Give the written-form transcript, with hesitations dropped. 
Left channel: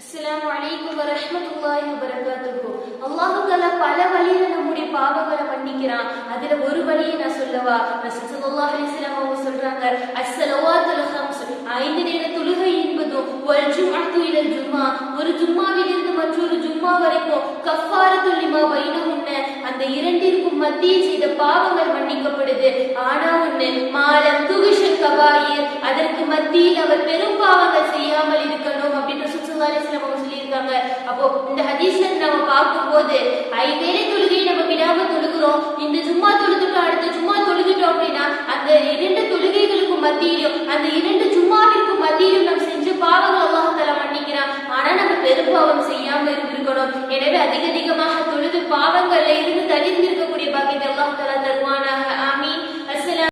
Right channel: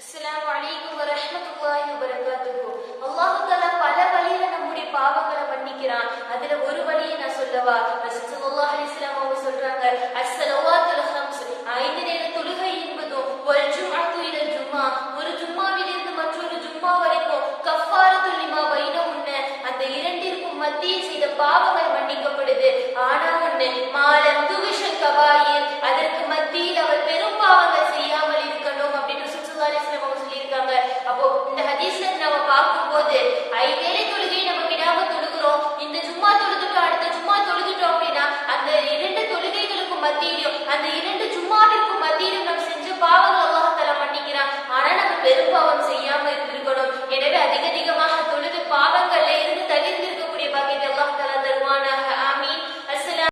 அஸ்ஸலாமு அலைக்கும் வரஹ்மத்துல்லாஹி வபரகாத்துஹு. அல்லாஹ் தஆலா பல வழியில நம்முடைய பாவங்களை மன்னிக்கிறான். அதுல ஒரு வழியை நான் சொல்லவா? ரசூல் ஸல்லல்லாஹு அலைஹி வஸல்லம் அவங்க சொல்றாங்க, அஸ்ஸலவாத்துல் ஹம்ஸ், 5 நேர தொழுகை என்பதும் வல் ஜும்அத்து இலல் ஜும்ஆ, ஒரு ஜும்மாவில் இருந்து மற்றொரு ஜும்மா வரைக்கும் கஃபாரத்துல் லிமா பைனஹுன்ன, அந்த இரண்டிற்கும் மத்தியில் செய்த பாவங்கள் மன்னிக்கப்படுது. ஆனா ஒண்ணு, மாலம் துகிஷல் கபாயிர், அதற்கு மத்தியில் அவர் பெரும் பாவங்கள் செய்யாமல் இருக்கணும் அப்படின்னு ரசூல் ஸல்லல்லாஹு அலைஹி வஸல்லம் அவங்க சொல்லியிருக்காங்க. அப்போ இந்த ஹதீஸ்ல நம்ம பார்க்கும்போது 5 வேளை தொழுகையை நம்ம விடாம தொழுகிறோம், இந்த ஜும்மா தொழுதுட்டோம் அடுத்த ஜும்மா தொழுதுட்டோம் அப்படின்னா அந்த 2 தொழுகைகளுக்கும் மத்தியிலும் அந்த 2 ஜும்மாவிற்கும் மத்தியிலும் நம்ம செஞ்ச பாவங்கள் அல்லாஹ் தஆலா மன்னிக்கிறான். ஆனா நம்ம பெரும் பாவம் செய்யாம இருந்திருக்கணும். எனவே அதிகமாக தொழுது பாவங்கள்ல இருந்து தவிர்ந்திருக்கக்கூடிய பாக்கியத்தை அல்லாஹ் தஆலா தருவானாக. ஆமீன்.